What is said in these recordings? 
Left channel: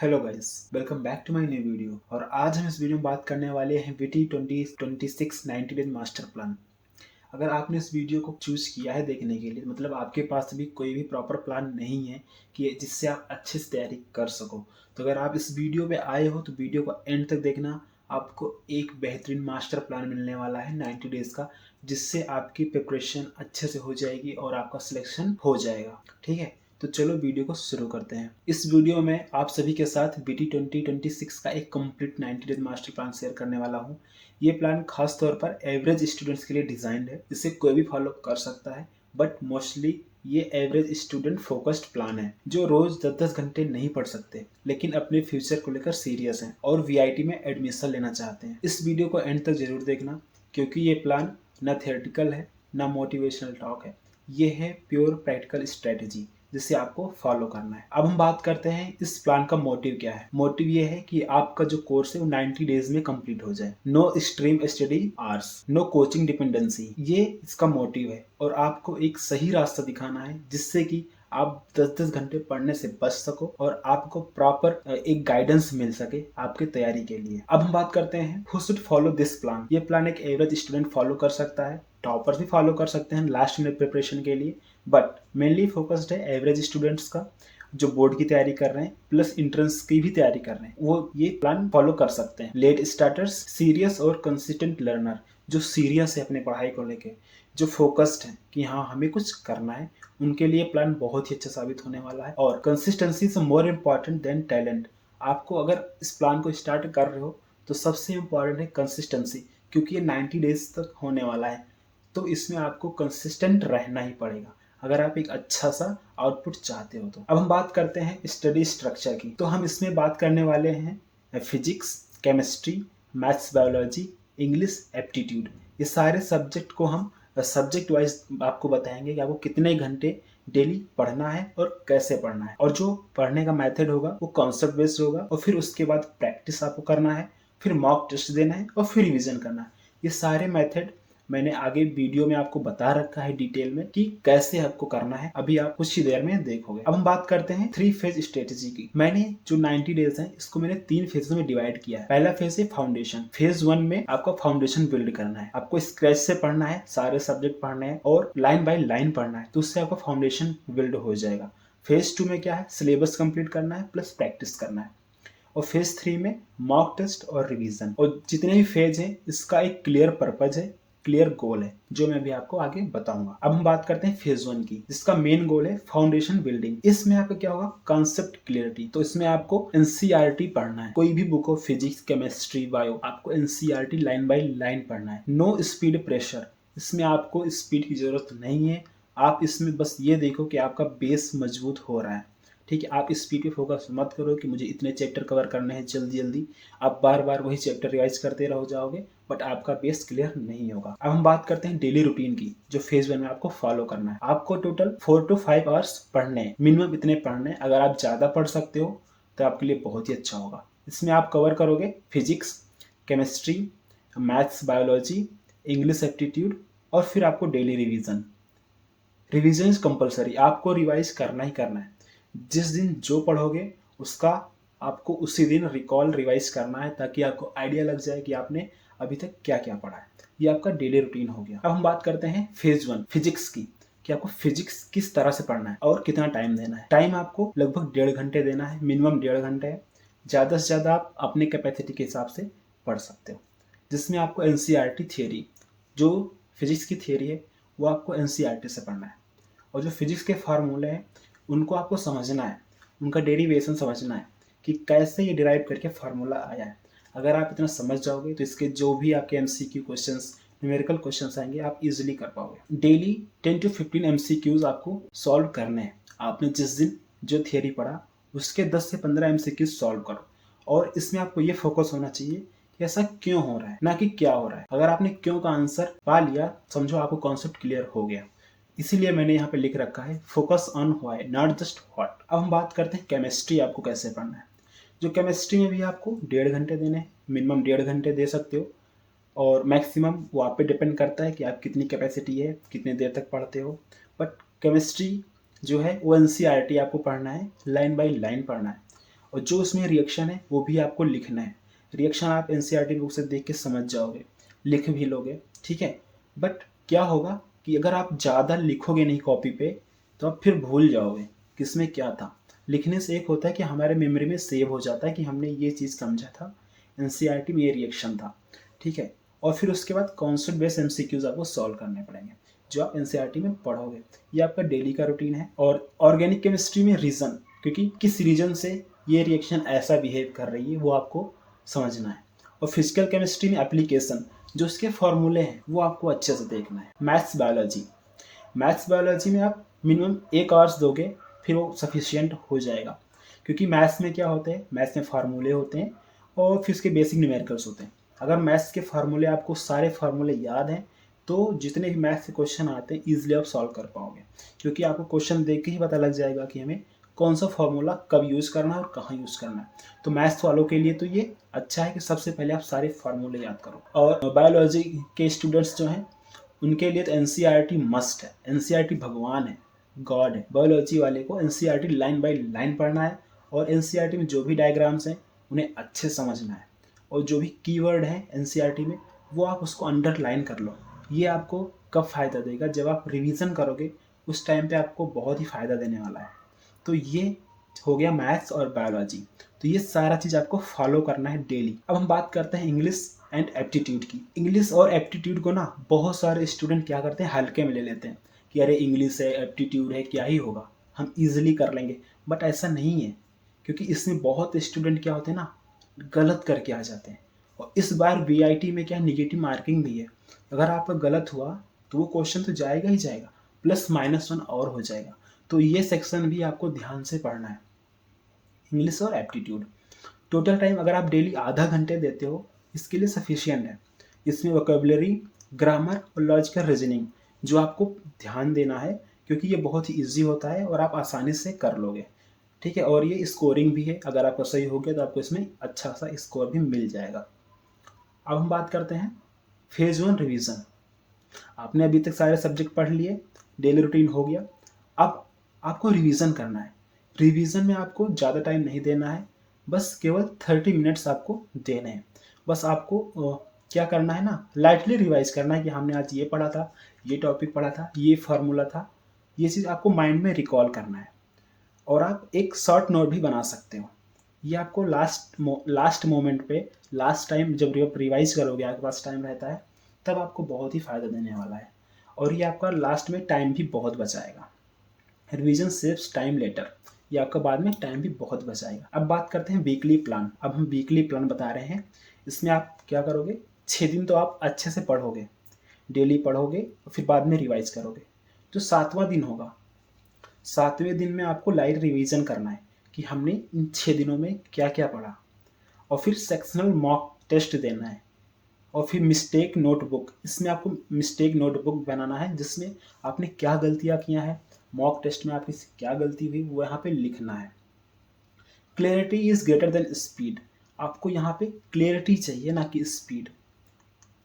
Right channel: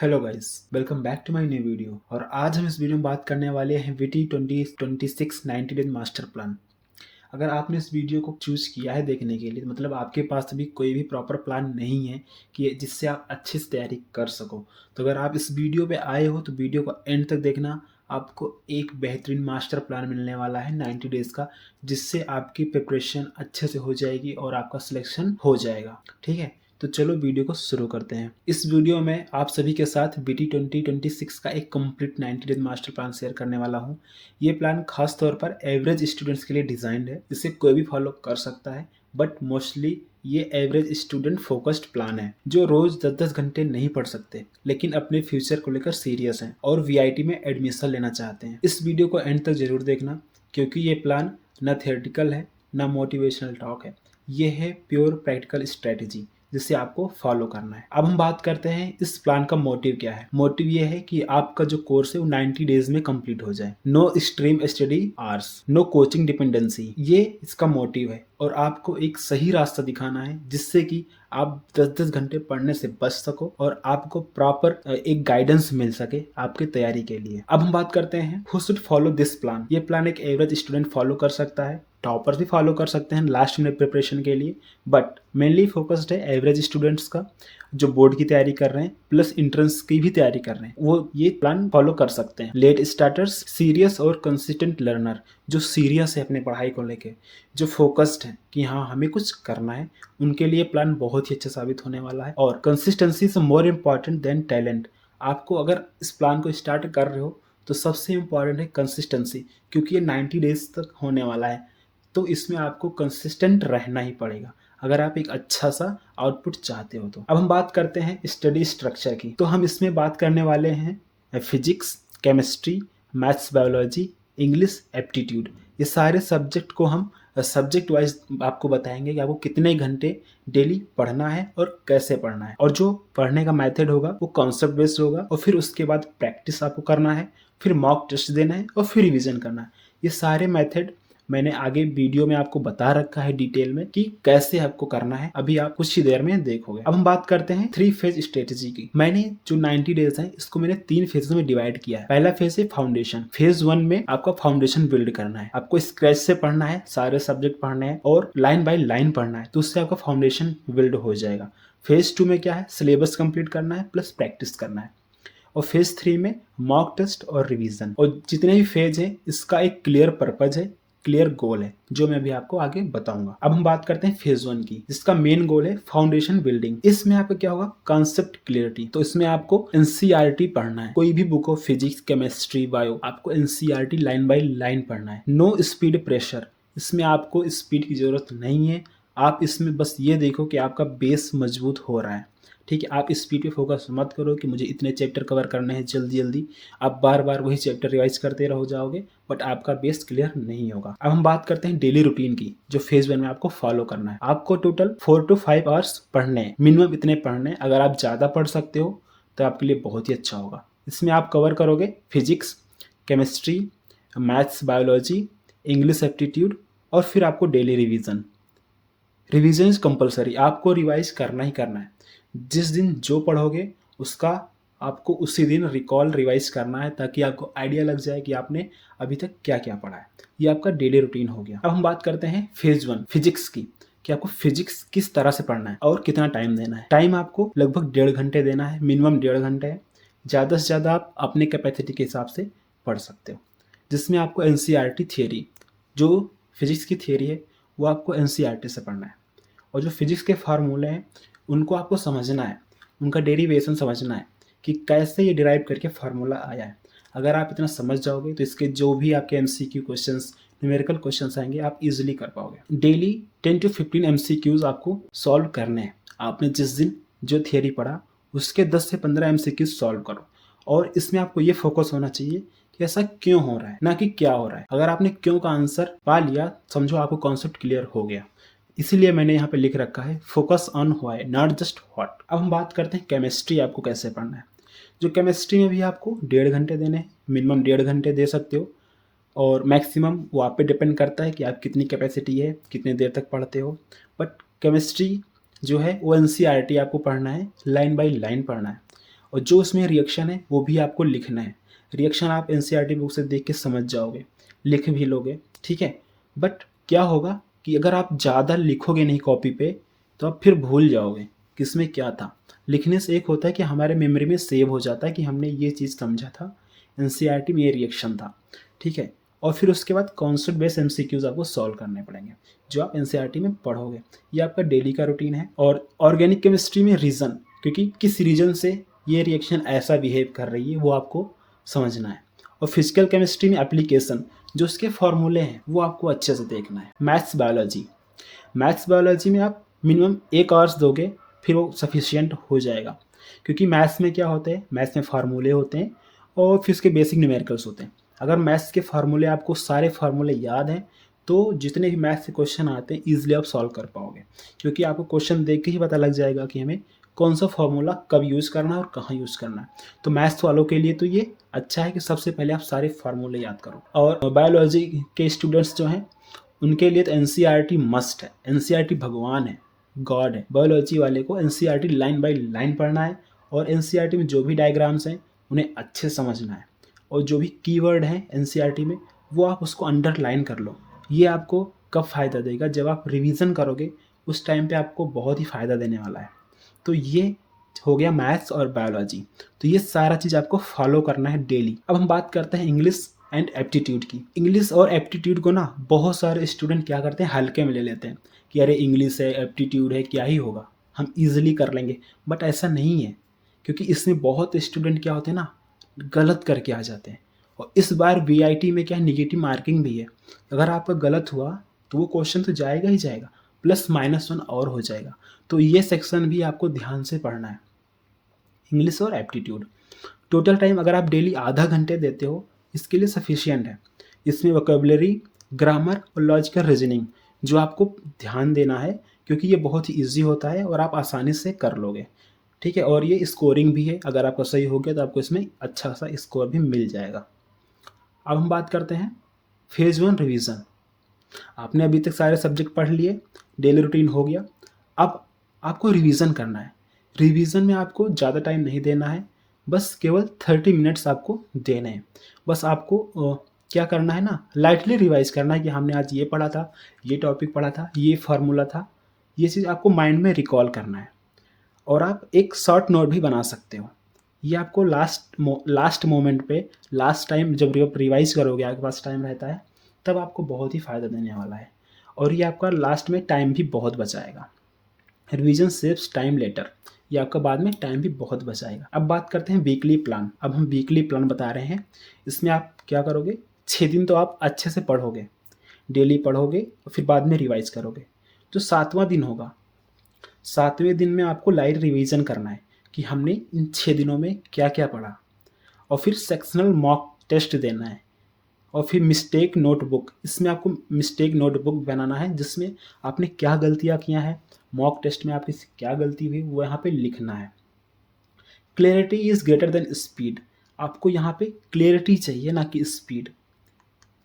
Hello guys, welcome back to my new video. और आज हम इस वीडियो में बात करने वाले हैं विटी 2026 90 डेज मास्टर प्लान। अगर आपने इस वीडियो को चूज किया है देखने के लिए, मतलब आपके पास अभी कोई भी प्रॉपर प्लान नहीं है कि जिससे आप अच्छे से तैयारी कर सको, तो अगर आप इस वीडियो पे आए हो तो वीडियो को एंड तक देखना। आपको एक बेहतरीन मास्टर प्लान मिलने वाला है 90 डेज का, जिससे आपकी प्रिपरेशन अच्छे से हो जाएगी और आपका सिलेक्शन हो जाएगा। ठीक है, तो चलो वीडियो को शुरू करते हैं। इस वीडियो में आप सभी के साथ बीटी 2026 का एक complete 90 days master plan share करने वाला हूं। ये प्लान खास तौर पर एवरेज स्टूडेंट्स के लिए डिजाइंड है, जिसे कोई भी फॉलो कर सकता है, बट मोस्टली ये एवरेज स्टूडेंट फोकस्ड प्लान है जो रोज 10-10 घंटे नहीं पढ़ सकते लेकिन अपने फ्यूचर को लेकर सीरियस हैं और वीआईटी में एडमिशन लेना चाहते हैं। इस वीडियो को एंड तक जरूर देखना, क्योंकि ये प्लान न थियोरेटिकल है न मोटिवेशनल टॉक है। ये है प्योर प्रैक्टिकल स्ट्रेटेजी जिसे आपको फॉलो करना है। अब हम बात करते हैं इस प्लान का मोटिव क्या है। मोटिव ये है कि आपका जो कोर्स है वो 90 डेज में कंप्लीट हो जाए। No stream study hours, no coaching dependency, ये इसका मोटिव है। और आपको एक सही रास्ता दिखाना है जिससे कि आप 10-10 घंटे पढ़ने से बच सको और आपको प्रॉपर एक गाइडेंस मिल सके आपकी तैयारी के लिए। अब हम बात करते हैं who should follow this plan. ये प्लान एक एवरेज स्टूडेंट फॉलो कर सकता है, टॉपर्स भी फॉलो कर सकते हैं लास्ट मिनट प्रिपरेशन के लिए, बट मेनली फोकस्ड है एवरेज स्टूडेंट्स का जो बोर्ड की तैयारी कर रहे हैं प्लस इंट्रेंस की भी तैयारी कर रहे हैं, वो ये प्लान फॉलो कर सकते हैं। लेट स्टार्टर्स, सीरियस और कंसिस्टेंट लर्नर, जो सीरियस है अपने पढ़ाई को लेके, जो फोकस्ड है कि हाँ हमें कुछ करना है, उनके लिए प्लान बहुत ही अच्छा साबित होने वाला है। और consistency is more important than talent. आपको अगर इस प्लान को स्टार्ट कर रहे हो तो सबसे इम्पॉर्टेंट है कंसिस्टेंसी, क्योंकि ये 90 डेज तक होने वाला है, तो इसमें आपको कंसिस्टेंट रहना ही पड़ेगा अगर आप एक अच्छा सा आउटपुट चाहते हो तो। अब हम बात करते हैं स्टडी स्ट्रक्चर की। तो हम इसमें बात करने वाले हैं physics, chemistry, maths, biology, English, aptitude. ये सारे सब्जेक्ट को हम सब्जेक्ट वाइज आपको बताएंगे कि आपको कितने घंटे डेली पढ़ना है और कैसे पढ़ना है। और जो पढ़ने का मेथड होगा वो कॉन्सेप्ट बेस्ड होगा, और फिर उसके बाद प्रैक्टिस आपको करना है, फिर मॉक टेस्ट देना है और फिर रिवीजन करना है। ये सारे मेथड मैंने आगे वीडियो में आपको बता रखा है डिटेल में कि कैसे आपको करना है, अभी आप कुछ ही देर में देखोगे। अब हम बात करते हैं 3 फेज स्ट्रेटेजी की। मैंने जो 90 डेज है इसको मैंने 3 फेज में डिवाइड किया है। पहला फेज है फाउंडेशन। फेज 1 में आपका फाउंडेशन बिल्ड करना है, आपको स्क्रैच से पढ़ना है, सारे सब्जेक्ट पढ़ने हैं और लाइन बाय लाइन पढ़ना है, तो उससे आपका फाउंडेशन बिल्ड हो जाएगा। फेज 2 में क्या है, सिलेबस कंप्लीट करना है प्लस प्रैक्टिस करना है। और फेज 3 में मॉक टेस्ट और रिवीजन। और जितने भी फेज है इसका एक क्लियर पर्पज है, क्लियर गोल है, जो मैं भी आपको आगे बताऊंगा। अब हम बात करते हैं फेज 1 की, जिसका मेन गोल है फाउंडेशन बिल्डिंग। इसमें आपका क्या होगा, कॉन्सेप्ट क्लियरिटी। तो इसमें आपको एनसीईआरटी पढ़ना है, कोई भी बुक हो, फिजिक्स, केमिस्ट्री, बायो, आपको एनसीईआरटी लाइन बाय लाइन पढ़ना है। नो स्पीड प्रेशर, इसमें आपको स्पीड की जरूरत नहीं है। आप इसमें बस ये देखो कि आपका बेस मजबूत हो रहा है। ठीक है, आप स्पीड पे फोकस मत करो कि मुझे इतने चैप्टर कवर करने हैं जल्दी जल्दी। आप बार बार वही चैप्टर रिवाइज करते रह जाओगे, बट आपका बेस क्लियर नहीं होगा। अब हम बात करते हैं डेली रूटीन की, जो फेज 1 में आपको फॉलो करना है। आपको टोटल 4 to 5 आवर्स पढ़ने हैं, मिनिमम इतने पढ़ने हैं। अगर आप ज़्यादा पढ़ सकते हो तो आपके लिए बहुत ही अच्छा होगा। इसमें आप कवर करोगे physics, chemistry, maths, biology, English, aptitude, और फिर आपको daily revision. Revision is compulsory, आपको रिवाइज करना ही करना है। जिस दिन जो पढ़ोगे उसका आपको उसी दिन रिकॉल रिवाइज करना है, ताकि आपको आइडिया लग जाए कि आपने अभी तक क्या क्या पढ़ा है। ये आपका डेली रूटीन हो गया। अब हम बात करते हैं फेज 1 फिजिक्स की, कि आपको फिजिक्स किस तरह से पढ़ना है और कितना टाइम देना है। टाइम आपको लगभग 1.5 घंटे देना है, मिनिमम 1.5 घंटे है। ज़्यादा से ज़्यादा आप अपने कैपेसिटी के हिसाब से पढ़ सकते हो, जिसमें आपको एनसीईआरटी थियरी, जो फिजिक्स की थियरी है वो आपको एनसीईआरटी से पढ़ना है। और जो फिजिक्स के फार्मूले हैं उनको आपको समझना है, उनका डेरिवेशन समझना है कि कैसे ये डिराइव करके फार्मूला आया है। अगर आप इतना समझ जाओगे तो इसके जो भी आपके एमसीक्यू क्वेश्चंस, न्यूमेरिकल क्वेश्चंस आएंगे आप इजीली कर पाओगे। डेली 10 to 15 एमसीक्यूज आपको सॉल्व करने हैं। आपने जिस दिन जो थियरी पढ़ा उसके 10 से 15 एमसीक्यूज सॉल्व करो। और इसमें आपको ये फोकस होना चाहिए कि ऐसा क्यों हो रहा है, ना कि क्या हो रहा है। अगर आपने क्यों का आंसर पा लिया, समझो आपको कॉन्सेप्ट क्लियर हो गया। इसीलिए मैंने यहाँ पे लिख रखा है focus on why not just what. अब हम बात करते हैं केमिस्ट्री आपको कैसे पढ़ना है। जो केमिस्ट्री में भी आपको 1.5 घंटे देने हैं, मिनिमम 1.5 घंटे दे सकते हो, और मैक्सिमम वो आप पे डिपेंड करता है कि आप कितनी कैपेसिटी है, कितने देर तक पढ़ते हो। बट केमिस्ट्री जो है वो एनसीईआरटी आपको पढ़ना है, लाइन बाय लाइन पढ़ना है। और जो उसमें रिएक्शन है वो भी आपको लिखना है। रिएक्शन आप एनसीईआरटी बुक से देख के समझ जाओगे, लिख भी लोगे, ठीक है। बट क्या होगा कि अगर आप ज़्यादा लिखोगे नहीं कॉपी पे तो आप फिर भूल जाओगे किसमें क्या था। लिखने से एक होता है कि हमारे मेमोरी में सेव हो जाता है कि हमने ये चीज़ समझा था, एनसीईआरटी में ये रिएक्शन था, ठीक है। और फिर उसके बाद कॉन्सेप्ट बेस्ड एमसीक्यूज आपको सॉल्व करने पड़ेंगे जो आप एनसीईआरटी में पढ़ोगे। ये आपका डेली का रूटीन है। और ऑर्गेनिक केमिस्ट्री में रीज़न, क्योंकि किस रीजन से ये रिएक्शन ऐसा बिहेव कर रही है वो आपको समझना है। और फिजिकल केमिस्ट्री में एप्लीकेशन, जो उसके फॉर्मूले हैं वो आपको अच्छे से देखना है। मैथ्स बायोलॉजी में आप मिनिमम 1 आवर्स दोगे फिर वो सफिशियंट हो जाएगा। क्योंकि मैथ्स में क्या होते हैं, मैथ्स में फार्मूले होते हैं और फिर उसके बेसिक न्यूमेरिकल्स होते हैं। अगर मैथ्स के फार्मूले आपको सारे फार्मूले याद हैं तो जितने भी मैथ्स के क्वेश्चन आते हैं ईजिली आप सॉल्व कर पाओगे। क्योंकि आपको क्वेश्चन देख के ही पता लग जाएगा कि हमें कौन सा फॉर्मूला कब यूज़ करना है और कहाँ यूज़ करना है। तो मैथ्स वालों के लिए तो ये अच्छा है कि सबसे पहले आप सारे फार्मूले याद करो। और बायोलॉजी के स्टूडेंट्स जो हैं उनके लिए तो एनसीईआरटी मस्ट है। एनसीईआरटी भगवान है, गॉड है। बायोलॉजी वाले को एनसीईआरटी लाइन बाय लाइन पढ़ना है और एनसीईआरटी में जो भी डायग्राम्स हैं उन्हें अच्छे समझना है। और जो भी कीवर्ड हैं एनसीईआरटी में वो आप उसको अंडरलाइन कर लो। ये आपको कब फ़ायदा देगा, जब आप रिवीजन करोगे उस टाइम पे आपको बहुत ही फ़ायदा देने वाला है। तो ये हो गया मैथ्स और बायोलॉजी। तो ये सारा चीज़ आपको फॉलो करना है डेली। अब हम बात करते हैं इंग्लिश एंड एप्टीट्यूड की। इंग्लिश और एप्टीट्यूड को ना बहुत सारे स्टूडेंट क्या करते हैं, हल्के में ले लेते हैं कि अरे इंग्लिश है, एप्टीट्यूड है, क्या ही होगा, हम ईजिली कर लेंगे। बट ऐसा नहीं है, क्योंकि इसमें बहुत स्टूडेंट क्या होते हैं ना, गलत करके आ जाते हैं। और इस बार वीआईटी में क्या निगेटिव मार्किंग भी है। अगर आपका गलत हुआ तो वो क्वेश्चन तो जाएगा ही जाएगा, +-1 और हो जाएगा। तो ये सेक्शन भी आपको ध्यान से पढ़ना है, इंग्लिश और एप्टीट्यूड। टोटल टाइम अगर आप डेली आधा घंटे देते हो इसके लिए सफिशियंट है। इसमें वोकैबुलरी, ग्रामर और लॉजिकल रीजनिंग जो आपको ध्यान देना है, क्योंकि ये बहुत ही ईजी होता है और आप आसानी से कर लोगे, ठीक है। और ये स्कोरिंग भी है, अगर आपका सही हो गया तो आपको इसमें अच्छा सा स्कोर भी मिल जाएगा। अब हम बात करते हैं फेज़ 1 रिवीजन। आपने अभी तक सारे सब्जेक्ट पढ़ लिए, डेली रूटीन हो गया। अब आपको रिवीजन करना है। रिवीजन में आपको ज़्यादा टाइम नहीं देना है, बस केवल 30 मिनट्स आपको देने हैं। बस आपको क्या करना है ना, लाइटली रिवाइज करना है कि हमने आज ये पढ़ा था, ये टॉपिक पढ़ा था, ये फार्मूला था, ये चीज़ आपको माइंड में रिकॉल करना है। और आप एक शॉर्ट नोट भी बना सकते हो। ये आपको लास्ट मोमेंट पे, लास्ट टाइम जब रिवाइज करोगे, आपके पास टाइम रहता है, तब आपको बहुत ही फ़ायदा देने वाला है। और ये आपका लास्ट में टाइम भी बहुत बचाएगा। रिवीजन सेव्स टाइम लेटर, ये आपका बाद में टाइम भी बहुत बचाएगा। अब बात करते हैं वीकली प्लान। अब हम वीकली प्लान बता रहे हैं। इसमें आप क्या करोगे, 6 दिन तो आप अच्छे से पढ़ोगे, डेली पढ़ोगे और फिर बाद में रिवाइज करोगे। जो 7वां दिन होगा, 7वें दिन में आपको लाइट रिवीजन करना है कि हमने इन 6 दिनों में क्या क्या पढ़ा। और फिर सेक्शनल मॉक टेस्ट देना है। और फिर मिस्टेक नोटबुक, इसमें आपको मिस्टेक नोटबुक बनाना है जिसमें आपने क्या गलतियाँ किया है, मॉक टेस्ट में आपकी क्या गलती हुई वो यहाँ पे लिखना है। Clarity is greater than speed, आपको यहाँ पे क्लियरिटी चाहिए ना कि स्पीड।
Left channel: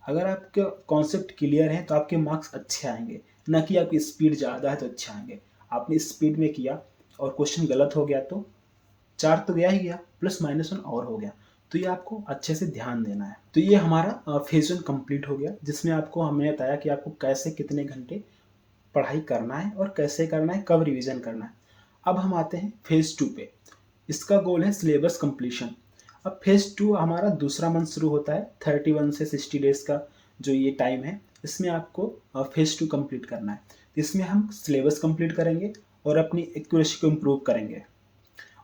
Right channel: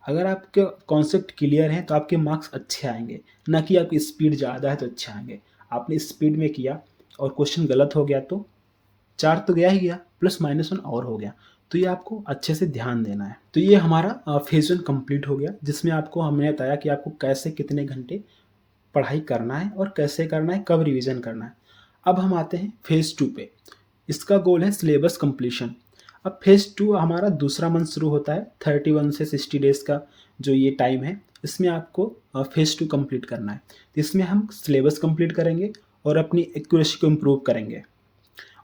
अगर आपके कॉन्सेप्ट क्लियर है तो आपके मार्क्स अच्छे आएंगे, ना कि आपकी स्पीड ज़्यादा है तो अच्छे आएंगे। आपने स्पीड में किया और क्वेश्चन गलत हो गया तो 4 तो गया ही गया, +-1 और हो गया। तो ये आपको अच्छे से ध्यान देना है। तो ये हमारा फेज़ 1 कंप्लीट हो गया, जिसमें आपको हमने बताया कि आपको कैसे कितने घंटे पढ़ाई करना है और कैसे करना है, कब रिवीजन करना है। अब हम आते हैं फेज़ 2 पे। इसका गोल है सिलेबस कंप्लीशन। अब फेज़ 2 हमारा दूसरा मंथ शुरू होता है, 31 से 60 डेज़ का जो ये टाइम है, इसमें आपको फेज़ 2 कंप्लीट करना है। तो इसमें हम सिलेबस कंप्लीट करेंगे और अपनी एक्यूरेसी को इम्प्रूव करेंगे।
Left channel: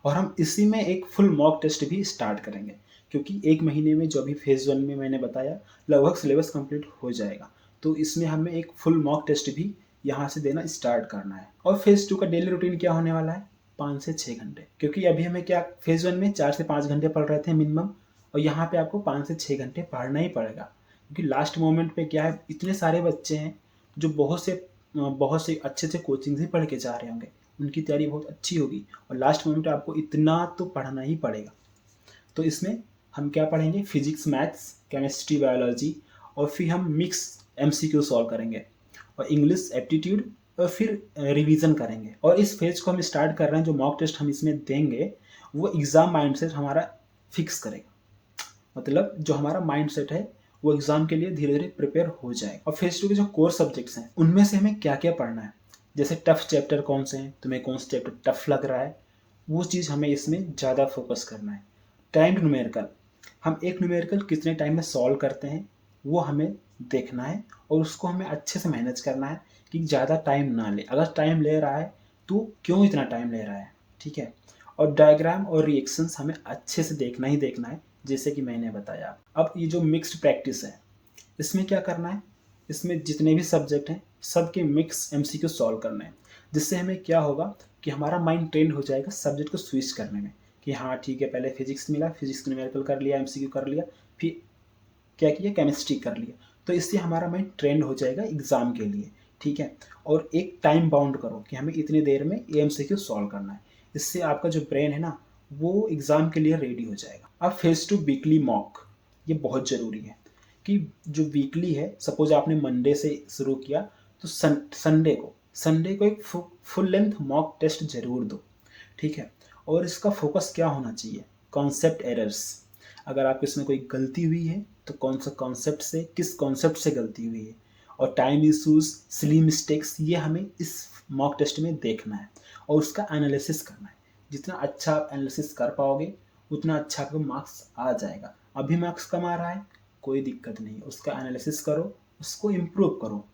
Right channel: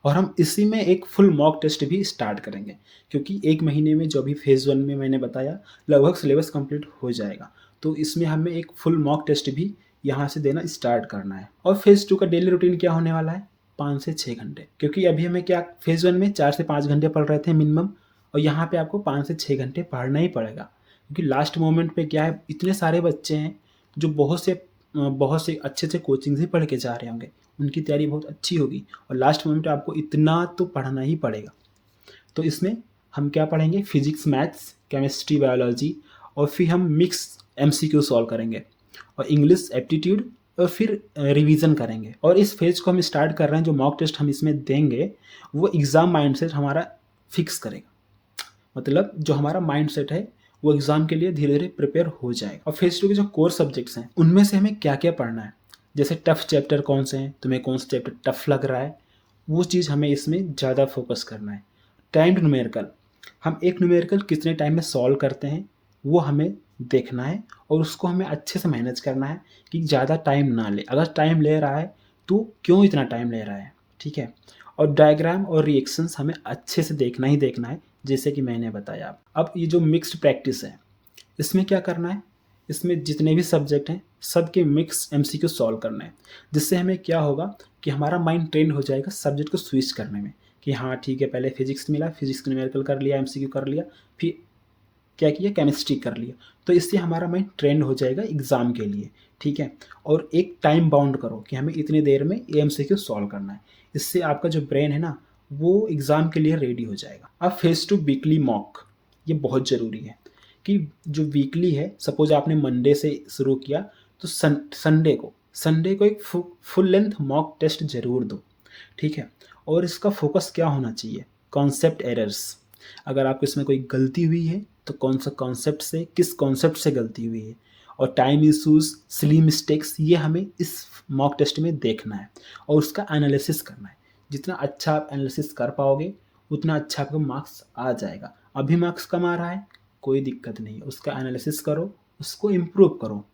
और हम इसी में एक फुल मॉक टेस्ट भी स्टार्ट करेंगे, क्योंकि 1 महीने में जो भी फेज़ 1 में मैंने बताया लगभग सिलेबस कंप्लीट हो जाएगा। तो इसमें हमें एक फुल मॉक टेस्ट भी यहाँ से देना स्टार्ट करना है। और फेज़ 2 का डेली रूटीन क्या होने वाला है, 5 से 6 घंटे। क्योंकि अभी हमें क्या, फेज़ 1 में 4 से 5 घंटे पढ़ रहे थे मिनिमम, और यहाँ पे आपको 5 से 6 घंटे पढ़ना ही पड़ेगा। क्योंकि लास्ट मोमेंट पे क्या है, इतने सारे बच्चे हैं जो बहुत से अच्छे से कोचिंग से पढ़ के जा रहे होंगे, उनकी तैयारी बहुत अच्छी होगी और लास्ट मोमेंट पे आपको इतना तो पढ़ना ही पड़ेगा। तो इसमें हम क्या पढ़ेंगे, फिजिक्स, मैथ्स, केमिस्ट्री, बायोलॉजी, और फिर हम मिक्स एमसीक्यू सॉल्व करेंगे। और इंग्लिश, एप्टीट्यूड और फिर रिवीजन करेंगे। और इस फेज को हम स्टार्ट कर रहे हैं, जो मॉक टेस्ट हम इसमें देंगे वो एग्ज़ाम माइंडसेट हमारा फिक्स करेगा। मतलब जो हमारा माइंडसेट है वो एग्ज़ाम के लिए धीरे धीरे प्रिपेयर हो जाएगा। और फेज 2 के जो कोर सब्जेक्ट्स हैं उनमें से हमें क्या क्या पढ़ना है, जैसे टफ चैप्टर कौन से हैं, तुम्हें कौन सा चैप्टर टफ लग रहा है, वो चीज़ हमें इसमें ज़्यादा फोकस करना है। टाइम्ड न्यूमेरिकल, हम एक न्यूमेरिकल कितने टाइम में सॉल्व करते हैं वो हमें देखना है, और उसको हमें अच्छे से मैनेज करना है कि ज़्यादा टाइम ना ले। अगर टाइम ले रहा है तो क्यों इतना टाइम ले रहा है, ठीक है। और डायग्राम और रिएक्शंस हमें अच्छे से देखना ही देखना है, जैसे कि मैंने बताया। अब ये जो मिक्स्ड प्रैक्टिस है, इसमें क्या करना है, इसमें जितने भी सब्जेक्ट हैं सबके मिक्स एमसीक्यू सॉल्व करना है, जिससे हमें क्या होगा कि हमारा माइंड ट्रेंड हो जाएगा सब्जेक्ट को स्विच करने में, कि हाँ ठीक है, पहले फिजिक्स मिला, फिजिक्स न्यूमेरिकल कर लिया, एमसीक्यू कर लिया, फिर क्या किया, केमिस्ट्री कर लिया। तो इससे हमारा माइंड ट्रेंड हो जाएगा एग्ज़ाम के लिए, ठीक है। और एक टाइम बाउंड करो कि हमें इतनी देर में एमसीक्यू सॉल्व करना है, इससे आपका जो ब्रेन है ना वो एग्ज़ाम के लिए रेडी हो जाएगा। अब फेज 2 वीकली मॉक, ये बहुत ज़रूरी है कि जो वीकली है, सपोज आपने मंडे से शुरू किया तो संडे को एक फुल लेंथ मॉक टेस्ट जरूर दो, ठीक है। और इसका फोकस क्या होना चाहिए, कॉन्सेप्ट एरर्स। अगर आपको इसमें कोई गलती हुई है तो कौन सा कॉन्सेप्ट से, किस कॉन्सेप्ट से गलती हुई है, और टाइम इशूज़, सिली मिस्टेक्स, ये हमें इस मॉक टेस्ट में देखना है और उसका एनालिसिस करना है। जितना अच्छा आप एनालिसिस कर पाओगे उतना अच्छा आपको मार्क्स आ जाएगा। अभी मार्क्स कम आ रहा है, कोई दिक्कत नहीं, उसका एनालिसिस करो, उसको इम्प्रूव करो।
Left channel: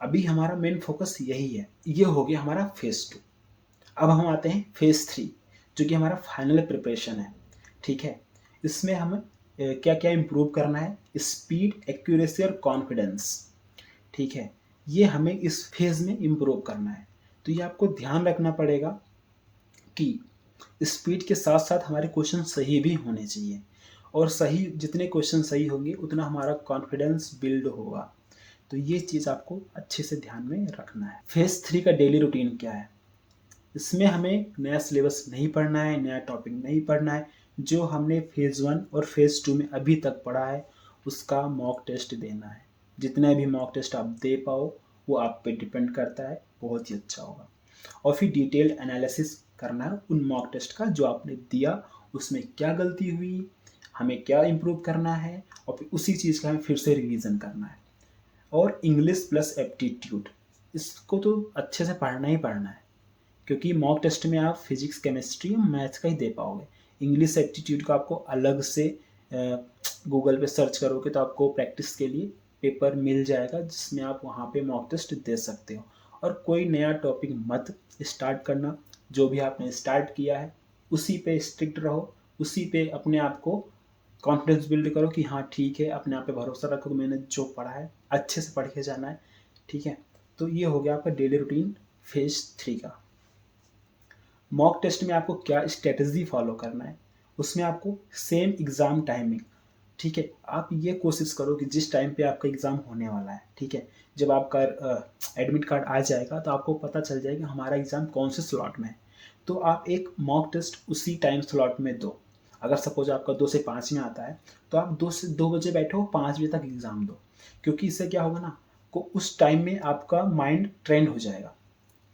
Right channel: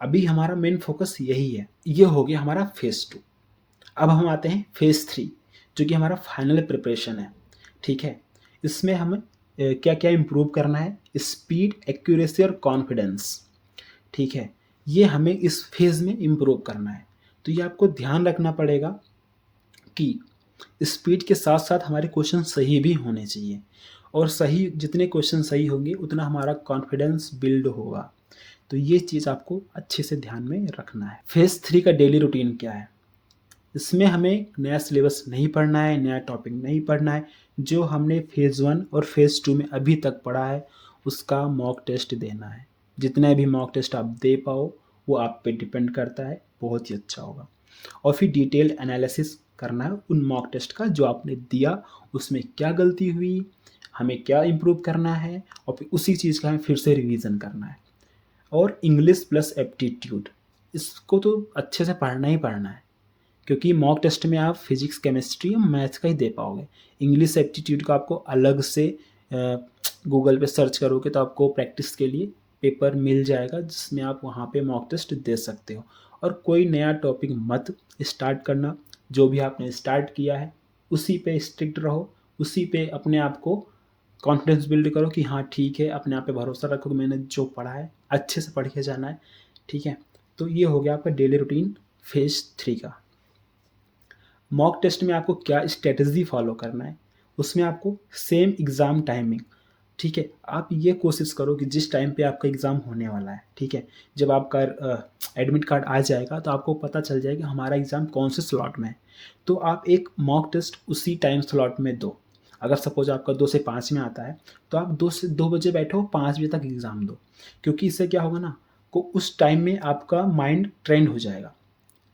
अभी हमारा मेन फोकस यही है। ये हो गया हमारा फेज 2। अब हम आते हैं फेज 3, जो कि हमारा फाइनल प्रिपरेशन है, ठीक है। इसमें हमें क्या क्या इम्प्रूव करना है, स्पीड, एक्यूरेसी और कॉन्फिडेंस, ठीक है। ये हमें इस फेज में इम्प्रूव करना है। तो ये आपको ध्यान रखना पड़ेगा कि स्पीड के साथ साथ हमारे क्वेश्चन सही भी होने चाहिए, और सही जितने क्वेश्चन सही होंगे उतना हमारा कॉन्फिडेंस बिल्ड होगा। तो ये चीज़ आपको अच्छे से ध्यान में रखना है। फेज 3 का डेली रूटीन क्या है, इसमें हमें नया सिलेबस नहीं पढ़ना है, नया टॉपिक नहीं पढ़ना है। जो हमने फेज़ 1 और फेज़ 2 में अभी तक पढ़ा है उसका मॉक टेस्ट देना है। जितने भी मॉक टेस्ट आप दे पाओ वो आप पे डिपेंड करता है, बहुत ही अच्छा होगा। और फिर डिटेल एनालिसिस करना है उन मॉक टेस्ट का जो आपने दिया, उसमें क्या गलती हुई, हमें क्या इम्प्रूव करना है, और फिर उसी चीज़ का हमें फिर से रिवीजन करना है। और इंग्लिश प्लस एप्टीट्यूड, इसको तो अच्छे से पढ़ना ही पढ़ना है, क्योंकि मॉक टेस्ट में आप फिजिक्स, केमिस्ट्री और मैथ्स का ही दे पाओगे। इंग्लिश एप्टीट्यूड का आपको अलग से गूगल पे सर्च करोगे तो आपको प्रैक्टिस के लिए पेपर मिल जाएगा, जिसमें आप वहाँ पे मॉक टेस्ट दे सकते हो। और कोई नया टॉपिक मत स्टार्ट करना, जो भी आपने स्टार्ट किया है उसी पे स्ट्रिक्ट रहो, उसी पे अपने आप को कॉन्फिडेंस बिल्ड करो कि हाँ ठीक है, अपने आप पे भरोसा रखो कि मैंने जो पढ़ा है अच्छे से पढ़ के जाना है, ठीक है। तो ये हो गया आपका डेली रूटीन फेज 3 का। मॉक टेस्ट में आपको क्या स्ट्रेटजी फॉलो करना है, उसमें आपको सेम एग्ज़ाम टाइमिंग, ठीक है। आप ये कोशिश करो कि जिस टाइम पे आपका एग्ज़ाम होने वाला है, ठीक है, जब आपका एडमिट कार्ड आ जाएगा तो आपको पता चल जाएगा हमारा एग्ज़ाम कौन से स्लॉट में है। तो आप एक मॉक टेस्ट उसी टाइम स्लॉट में दो। अगर सपोज आपका 2 से 5 में आता है तो आप 2 बजे बैठो, 5 बजे तक एग्ज़ाम दो, क्योंकि इससे क्या होगा ना, को उस टाइम में आपका माइंड ट्रेंड हो जाएगा,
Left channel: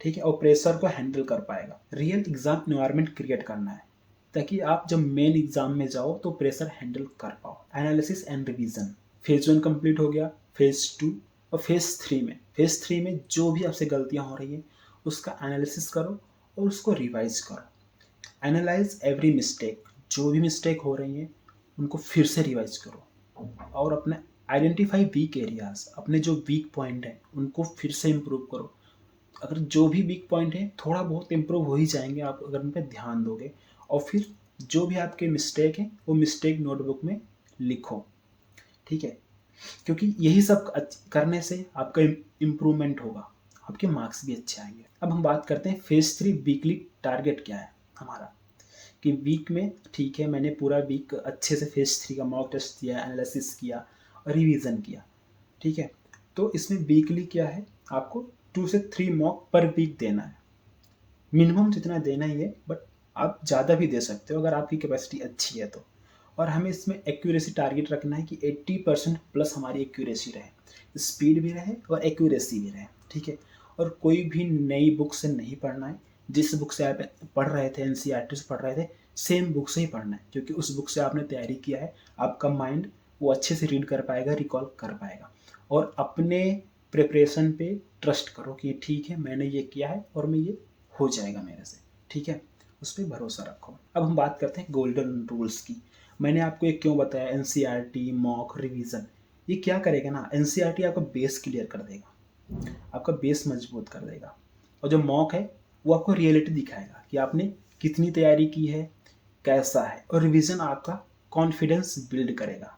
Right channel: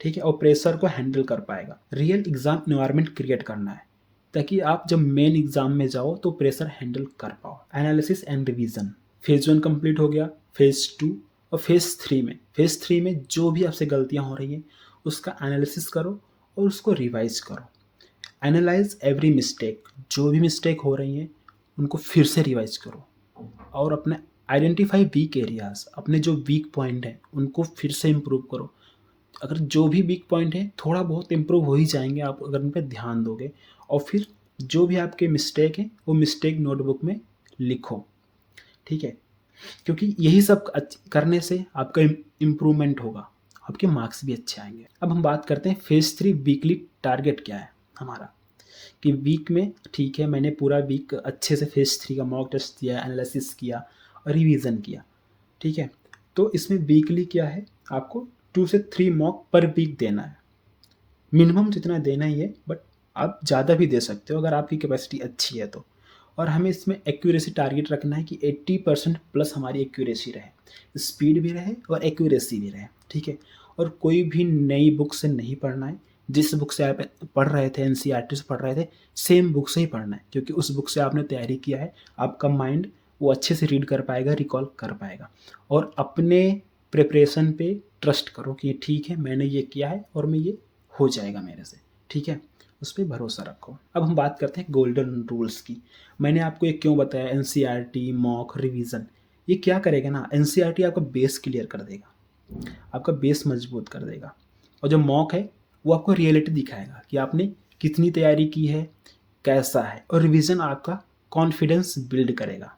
ठीक है, और प्रेशर को हैंडल कर पाएगा। रियल एग्ज़ाम एनवायरनमेंट क्रिएट करना है ताकि आप जब मेन एग्ज़ाम में जाओ तो प्रेशर हैंडल कर पाओ। Analysis and revision, phase 1 complete हो गया, फेज़ 2 और फेज़ 3 में जो भी आपसे गलतियाँ हो रही हैं उसका एनालिसिस करो और उसको रिवाइज करो। एनालाइज एवरी मिस्टेक, जो भी मिस्टेक हो रही हैं उनको फिर से रिवाइज करो, और अपने आइडेंटिफाई वीक एरियाज, अपने जो वीक पॉइंट हैं उनको फिर से इम्प्रूव करो। अगर जो भी वीक पॉइंट है थोड़ा बहुत इम्प्रूव हो ही जाएंगे आप अगर उन पर ध्यान दोगे। और फिर जो भी आपके मिस्टेक हैं वो मिस्टेक नोटबुक में लिखो, ठीक है, क्योंकि यही सब करने से आपका इम्प्रूवमेंट होगा, आपके मार्क्स भी अच्छे आएंगे। अब हम बात करते हैं फेज़ 3 वीकली टारगेट क्या है हमारा, कि वीक में ठीक है मैंने पूरा वीक अच्छे से फेज़ 3 का मॉक टेस्ट दिया, एनालिसिस किया और रिवीजन किया, ठीक है। तो इसमें वीकली क्या है, आपको 2 से 3 मॉक पर वीक देना है, मिनिमम जितना देना ही है, बट आप ज़्यादा भी दे सकते हो अगर आपकी कैपेसिटी अच्छी है तो। और हमें इसमें एक्यूरेसी टारगेट रखना है कि 80% प्लस हमारी एक्यूरेसी रहे, स्पीड भी रहे और एक्यूरेसी भी रहे, ठीक है। और कोई भी नई बुक से नहीं पढ़ना है। जिस बुक से आप पढ़ रहे थे, एनसीईआरटी से पढ़ रहे थे, सेम बुक से ही पढ़ना है, क्योंकि उस बुक से आपने तैयारी किया है। आपका माइंड वो अच्छे से रीड कर पाएगा, रिकॉल कर पाएगा। और अपने प्रिपरेशन पे ट्रस्ट करो कि ठीक है, मैंने ये किया है और मैं ये हो जाएगा मेरे से, ठीक है, उस पर भरोसा रखो। अब हम बात करते हैं गोल्डन रूल्स की। मैंने आपको ये क्यों बताया, एनसीईआरटी, मॉक, रिवीजन, ये क्या करेगा ना, एनसीईआरटी आपका बेस क्लियर कर देगा, आपका बेस मजबूत कर देगा। और जो मॉक है वो आपको रियलिटी दिखाएगा कि आपने कितनी तैयारी की है, कैसा है। और रिवीजन आपका कॉन्फिडेंस बिल्ड करेगा।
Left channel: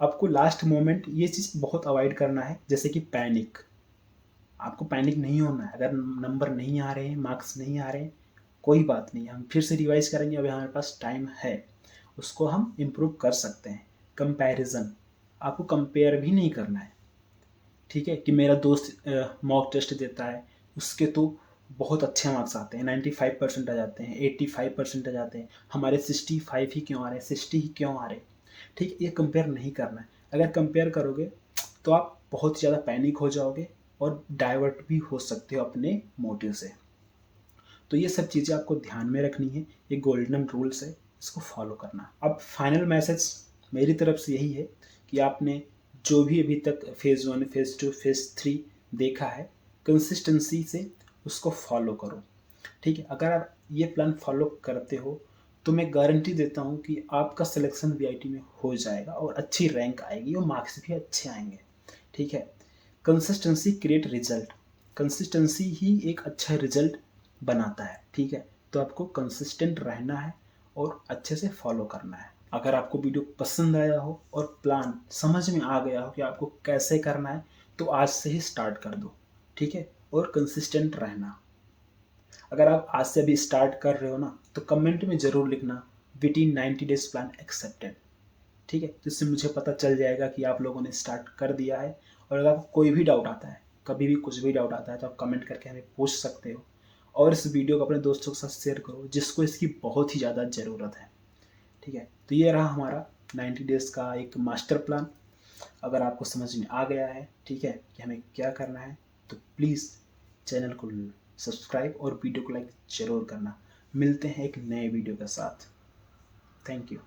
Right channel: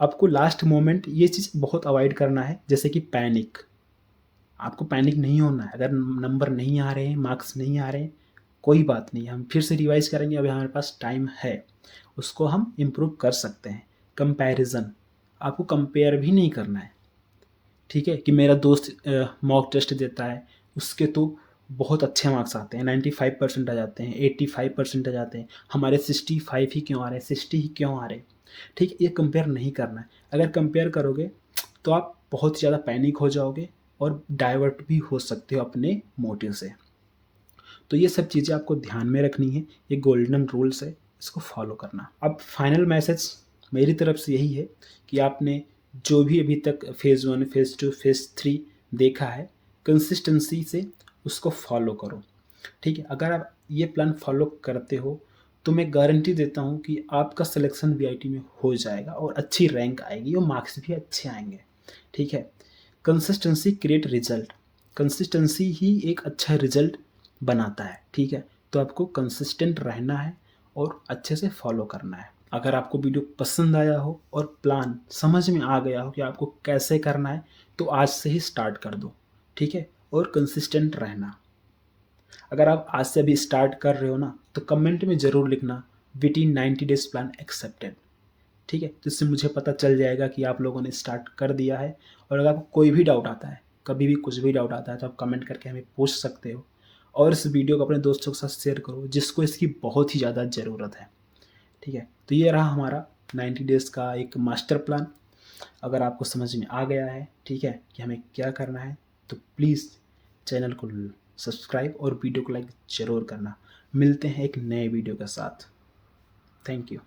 आपको लास्ट मोमेंट ये चीज़ बहुत अवॉइड करना है, जैसे कि पैनिक। आपको पैनिक नहीं होना है। अगर नंबर नहीं आ रहे हैं, मार्क्स नहीं आ रहे हैं, कोई बात नहीं, हम फिर से रिवाइज करेंगे, अभी हमारे पास टाइम है, उसको हम इम्प्रूव कर सकते हैं। कंपैरिजन, आपको कंपेयर भी नहीं करना है, ठीक है, कि मेरा दोस्त मॉक टेस्ट देता है, उसके तो बहुत अच्छे मार्क्स आते हैं, 95% आ जाते हैं, 85% आ जाते हैं, हमारे 65 ही क्यों आ रहे हैं, 60 ही क्यों आ रहे हैं, ठीक है। ये कंपेयर नहीं करना है। अगर कंपेयर करोगे तो आप बहुत ही ज़्यादा पैनिक हो जाओगे और डाइवर्ट भी हो सकते हो अपने मोटिव से। तो ये सब चीज़ें आपको ध्यान में रखनी है, ये गोल्डन रूल्स है, इसको फॉलो करना। अब फाइनल मैसेज मेरी तरफ से यही है कि आपने जो भी अभी तक फेज़ 1, फेज़ 2, फेज़ 3 देखा है, कंसिस्टेंसी से उसको फॉलो करो, ठीक है। अगर आप ये प्लान फॉलो करते हो तो मैं गारंटी देता हूँ कि आपका सिलेक्शन वीआईटी में हो जाएगा और अच्छी रैंक आएगी और मार्क्स भी अच्छे आएंगे, ठीक है। कंसिस्टेंसी क्रिएट रिजल्ट, कंसिस्टेंसी ही एक अच्छा रिजल्ट बनाता है, ठीक है। तो आपको कंसिस्टेंट रहना है और अच्छे से फॉलो करना है। अगर आपको वीडियो पसंद आया हो और प्लान समझ में आ गया हो कि आपको कैसे करना है, तो आज से ही स्टार्ट कर दो, ठीक है। और कंसिस्टेंट रहना। अगर आप आज से अभी स्टार्ट कर रहे हो ना, तो कमेंट में ज़रूर लिखना विटिन 90 डेज प्लान एक्सेप्टेड, ठीक है। जिससे मुझे पता चल जाएगा कि आप लोगों ने स्टार्ट कर दिया है। और अगर आपको कोई भी डाउट आता है, कभी भी कुछ भी डाउट आता है, तो आप कमेंट करके हमें पूछ सकते हो। और इस वीडियो को अपने दोस्तों के साथ शेयर करो जिसको इसकी बहुत ही ज़्यादा ज़रूरत है, ठीक है। तो ये रहा हमारा 90 डेज़ का एक मास्टर प्लान। अगर आपको समझ में आ गया है, ठीक है, कि हमें क्या करना है, तो प्लीज़ चैनल को सब्सक्राइब और वीडियो को लाइक ज़रूर करना। मिलते हैं एक नए वीडियो के साथ। Thank you.